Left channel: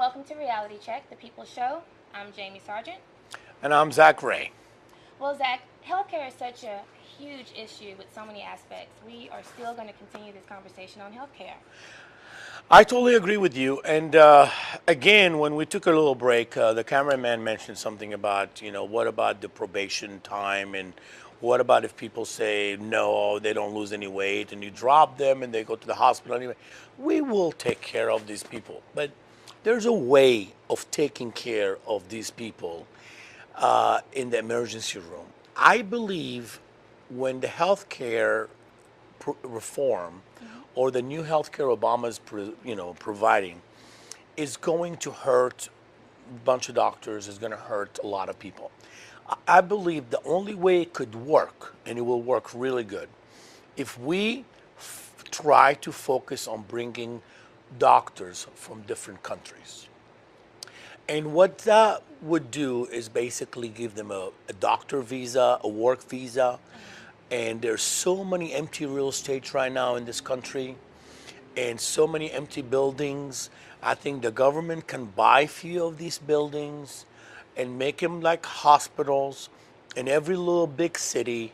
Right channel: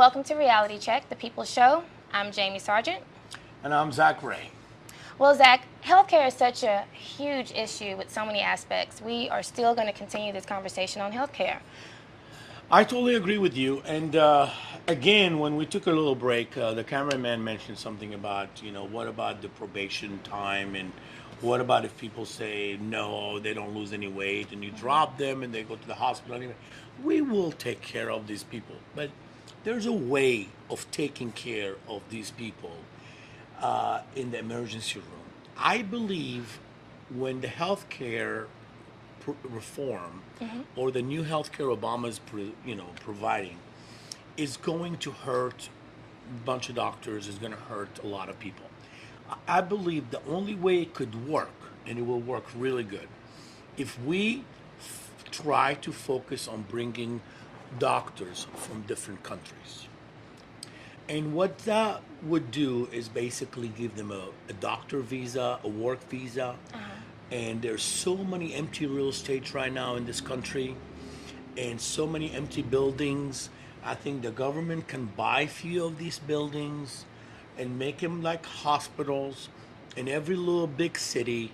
welcome to Reality Check, the People's Show. I'm Jamie Sargent. And I'm Zack Ray. Well, Zack, healthcare is such a huge issue with so many aspects. We are still going to continue this conversation on healthcare. I totally agree with you. And again, when we took a little break, the cameraman mentioned something about, what about the probation time, and what about if people say no, they don't lose any weight, and you drop them and they go to the hospital anyway. We will take care of these people, but there's a way of taking care of these people in the emergency room. I believe when the healthcare reform or the new healthcare Obama's providing is going to hurt a bunch of doctors, is going to hurt a lot of people. I believe the only way it could work, and it will work really good, if we try to focus on bringing doctors from different countries. And what that would do is basically give them a doctor visa, a work visa. And there's so many empty real estate right now in this country, and so many empty buildings. I think the government can buy a few of these buildings and make them like hospitals in every little big city.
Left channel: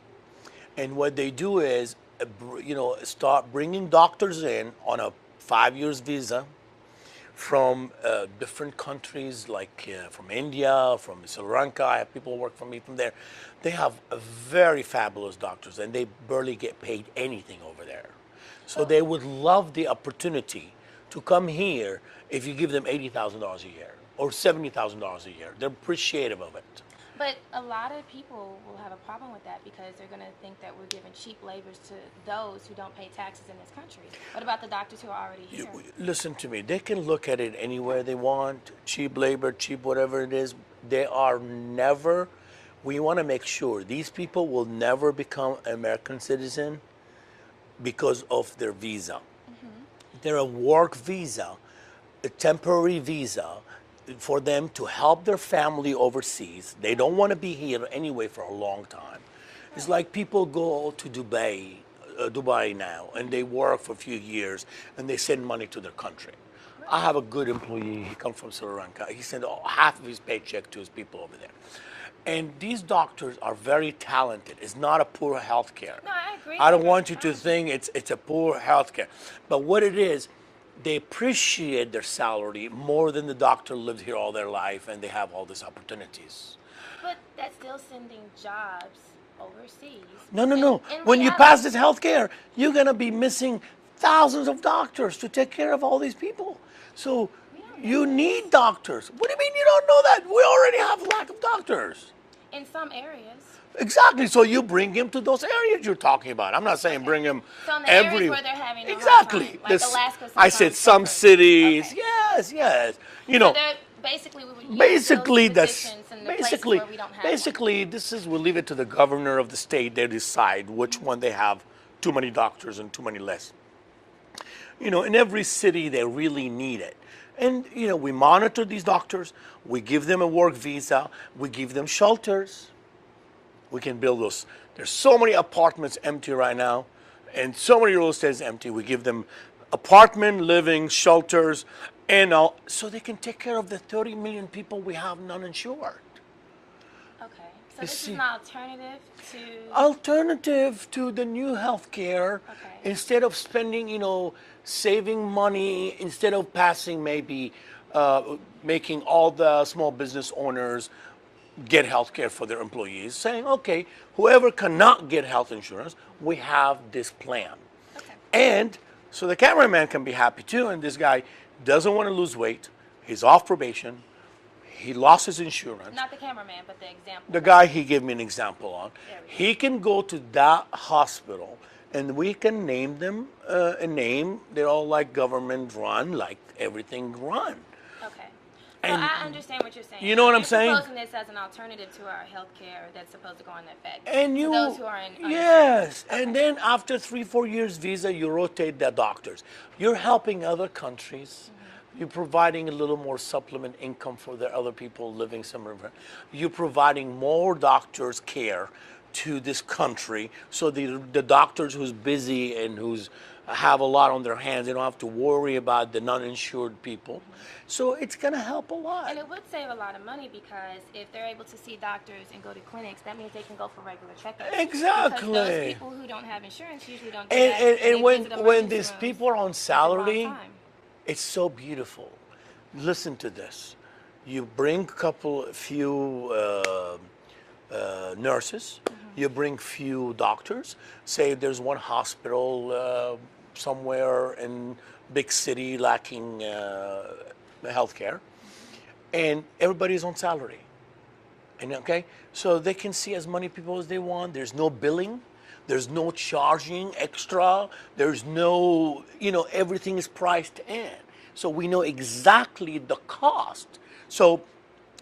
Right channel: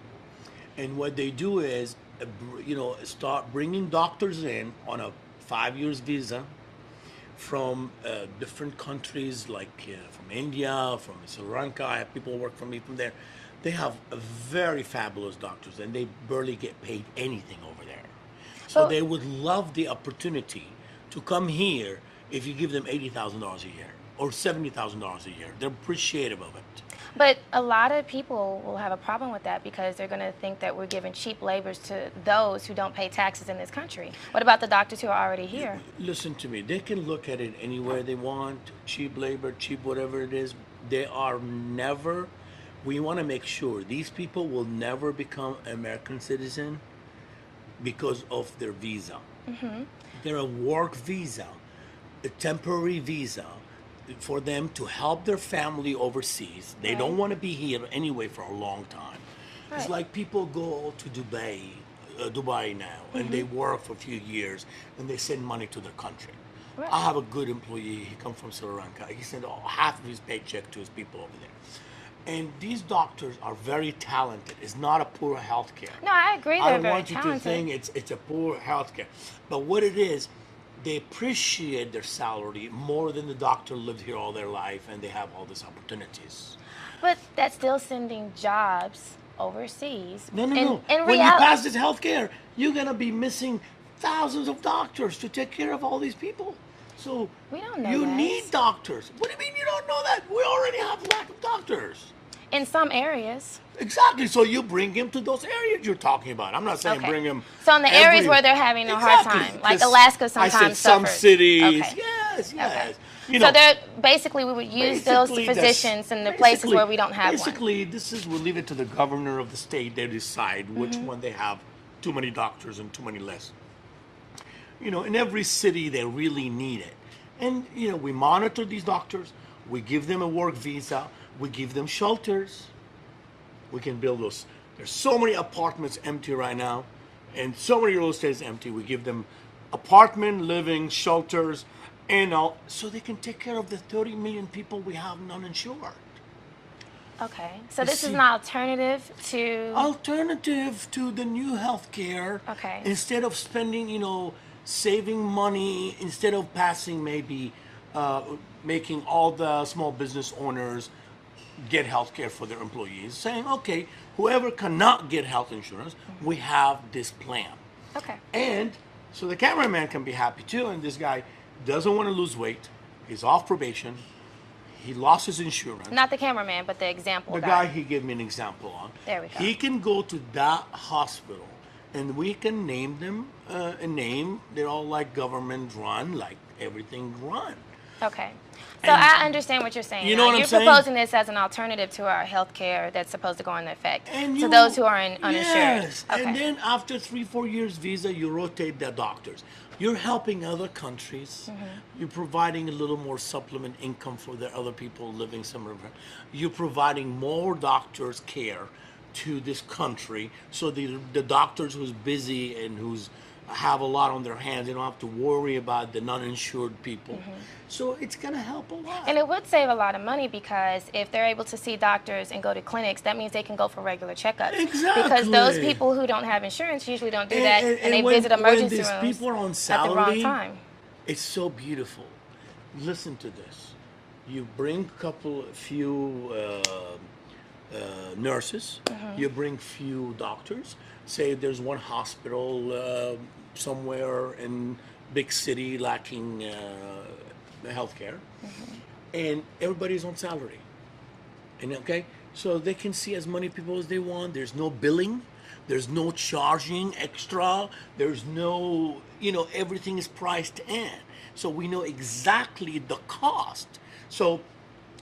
And what they do is, start bringing doctors in on a 5 years visa from different countries, like from India, from Sri Lanka. I have people work for me from there. They have very fabulous doctors, and they barely get paid anything over there. So they would love the opportunity to come here if you give them $80,000 a year or $70,000 a year. They're appreciative of it. But a lot of people will have a problem with that because they're going to think that we're giving cheap labors to those who don't pay taxes in this country. What about the doctors who are already here? Listen to me. They can look at it anywhere they want, cheap labor, cheap whatever it is. They are never, we want to make sure these people will never become American citizen because of their visa. They're a work visa, a temporary visa, for them to help their family overseas. They don't want to be here anyway for a long time. It's like people go to Dubai now, and they work for a few years, and they send money to their country. I have a good employee. He comes from Sri Lanka. He sent half of his paycheck to his people over there. And these doctors are very talented. It's not a poor health care. No, I agree. I don't want you to think it's a poor health care. But what it is, they appreciate their salary more than the doctor lived here all their life and they have all these opportunities. But that's still sending jobs overseas. No. When you pass this health care, you're going to be missing thousands of doctors to take care of all these people. So we don't know you need doctors. What do you mean you don't know that? We already have lack of doctors. In some areas. Exactly. So you bring him to those areas you're talking about. I'm not saying bring him. So in the areas where they're having a hard time, like Alaska sometimes I said some suffers. cities. Yes. So they're basically we would use those positions in the places where we don't have Basically, we'll leave it to the governor of the state. They decide which one they have too many doctors and too many less. In every city they really need it. And, we monitor these doctors. We give them a work visa. We give them shelters. We can build those. There's so many apartments empty right now, and so many real estates empty. We give them apartment, living, shelters, and all, so they can take care of the 30 million people we have non-insured. Okay, so this is an alternative to... Alternative to the new health care. Okay. Instead of spending, saving money, instead of passing maybe... making all the small business owners get health care for their employees, saying, okay, whoever cannot get health insurance, we have this plan. Okay. And so the cameraman can be happy too, and this guy doesn't want to lose weight, he's off probation, he lost his insurance. Not the cameraman, but the example. The guy he gave me an example on. There we go. He can go to that hospital, and we can name them a name. They're all like government run, like everything run. Okay. So I understand what you're saying. You know what I'm saying? You're proposing this as an alternative to our health care that's supposed to go into effect to those who are uninsured. Yes, okay. And then after 3-4 years visa, you rotate the doctors. You're helping other countries. You're providing a little more supplement income for the other people living somewhere. You're providing more doctors care to this country, so the doctors who's busy and who's have a lot on their hands. They don't have to worry about the non-insured people. So it's going to help a lot. And it would save a lot of money because if they're able to see doctors and go to clinics, that means they can go for regular checkups. Exactly. Because those people who don't have insurance usually don't do that, and they visit emergency when these rooms people are on at the salary, wrong time. it's so beautiful. Listen to this. You bring few nurses, you bring few doctors. Say there's one hospital somewhere in big city lacking healthcare, and everybody's on salary. And okay, so they can see as many people as they want. There's no billing, there's no charging extra, there's no, everything is priced in. So we know exactly the cost. So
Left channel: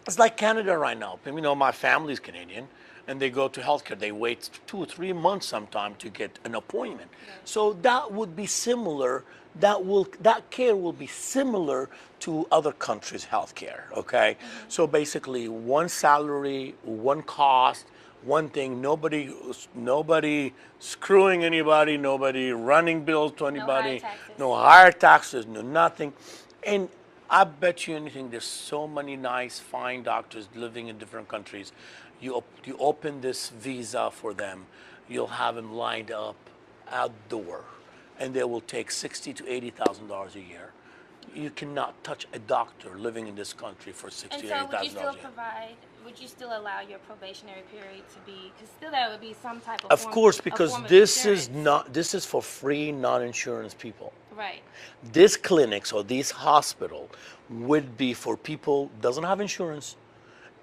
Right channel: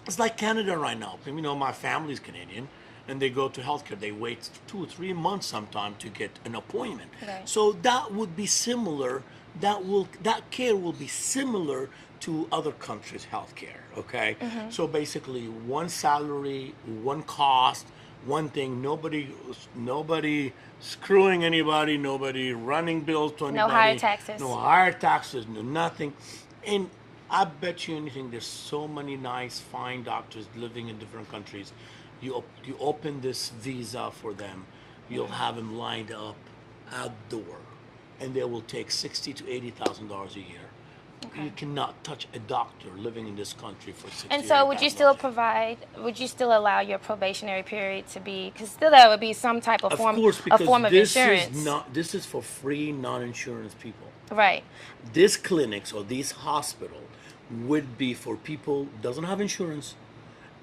it's like Canada right now. My family's Canadian, and they go to healthcare. They wait 2 or 3 months sometimes to get an appointment. Okay. So that would be similar. That care will be similar to other countries' healthcare. Okay. So basically, one salary, one cost, one thing. Nobody screwing anybody. Nobody running bills to anybody. No higher taxes. No higher taxes. No nothing. And I bet you anything, there's so many nice, fine doctors living in different countries. You open this visa for them, you'll have them lined up outdoor, and they will take $60,000 to $80,000 a year. Okay. You cannot touch a doctor living in this country for $60,000. And so, would you still allow your probationary period to be? Because still, that would be some type of form. Of course, because form of this insurance. this is for free non-insurance people. Right. These clinics or these hospital would be for people doesn't have insurance,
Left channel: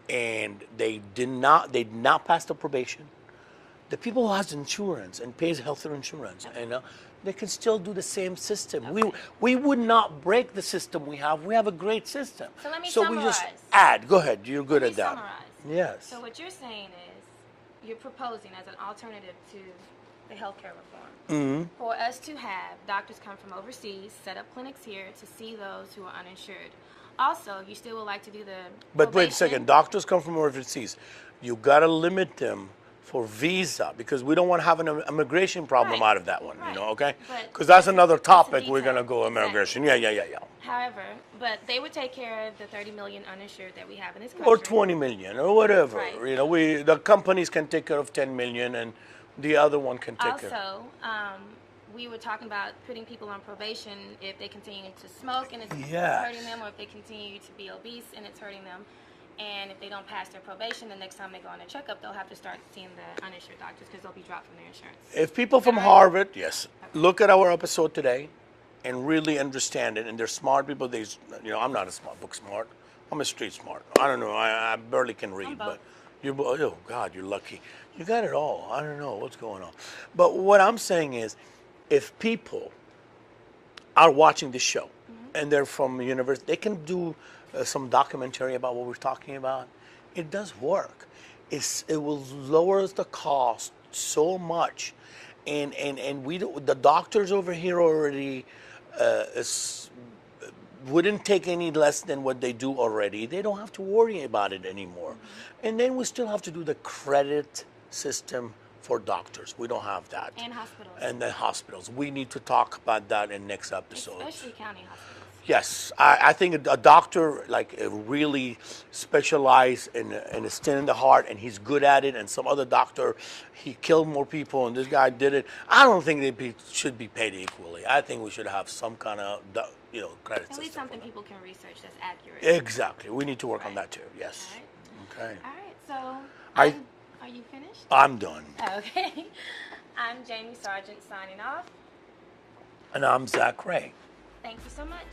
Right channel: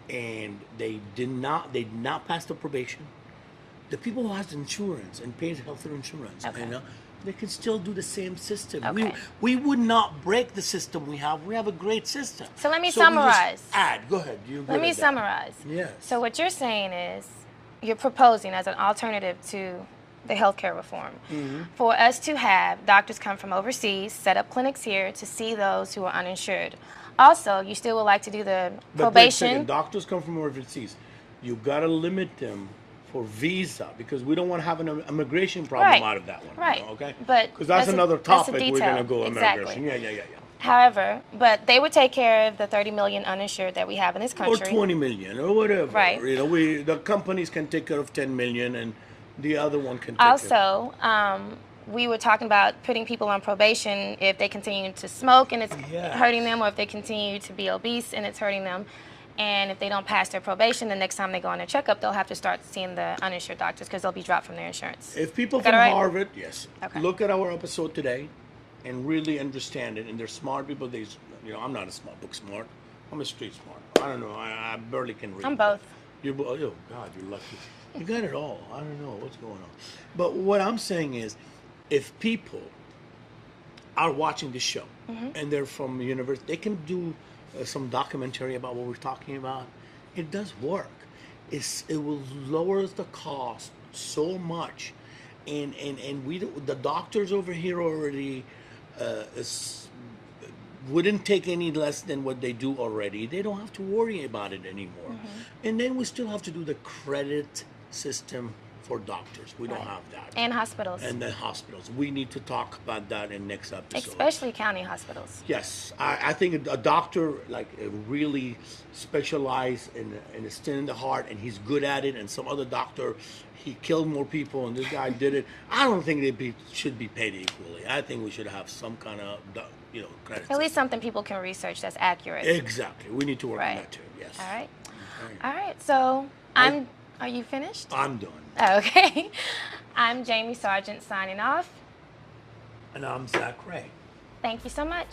and they did not pass the probation. The people who has insurance and pays health insurance, Okay. and they can still do the same system. Okay. We would not break the system we have. We have a great system. So let me we just summarize. Go ahead. You're good Let me at that. summarize. Yes. So what you're saying is, you're proposing as an alternative to the healthcare reform for us to have doctors come from overseas, set up clinics here to see those who are uninsured. Also, you still would like to do the But wait a probation. second. Doctors come from overseas. You got to limit them for visa because we don't want to have an immigration problem Right. out of that one. Right. Okay. But Because that's another that's a topic we're detail. going to go immigration. Exactly. Yeah. However, but they would take care of the 30 million uninsured that we have in this country. Or 20 million or whatever. Right. The companies can take care of 10 million and the other one can take care. Also, we were talking about putting people on probation if they continue to smoke and it's Yes. hurting them, or if they continue to be obese and it's hurting them. And if they don't pass their probation, the next time they go on their checkup, they'll have to start seeing the uninsured doctors because they'll be dropped from their insurance. If people Is that from right? Harvard, yes, Okay. look at our episode today and really understand it, and they're smart people. I'm not a smart book smart. I'm a street smart. I don't know. I barely can read. I'm both. Oh God, you're lucky. You got it all. I don't know what's going on. But what I'm saying is, if people are watching this show and they're from the university, they can do some documentary about what we're talking about. It does work. It will lower the cost so much, and the doctors over here already wouldn't take any less than what they do already. They don't have to worry about it anymore. And then we still have to do the credit system for doctors. We don't have that. And hospitals. And then hospitals. We need to talk about that in next episode. Especially county hospitals. Yes, I think a doctor really specialized in a stent in the heart, and he's good at it. And some other doctor, he killed more people, and this guy did it. I don't think they should be paid equally. I think we should have some kind of credit. At least system. something people can research that's accurate. Exactly. We need to work on Right. that too. Yes. All right. Okay. All right. So are you finished? I'm done. Okay. I'm Jamie Sargent signing off. And I'm Zack Ray. Thank you so much.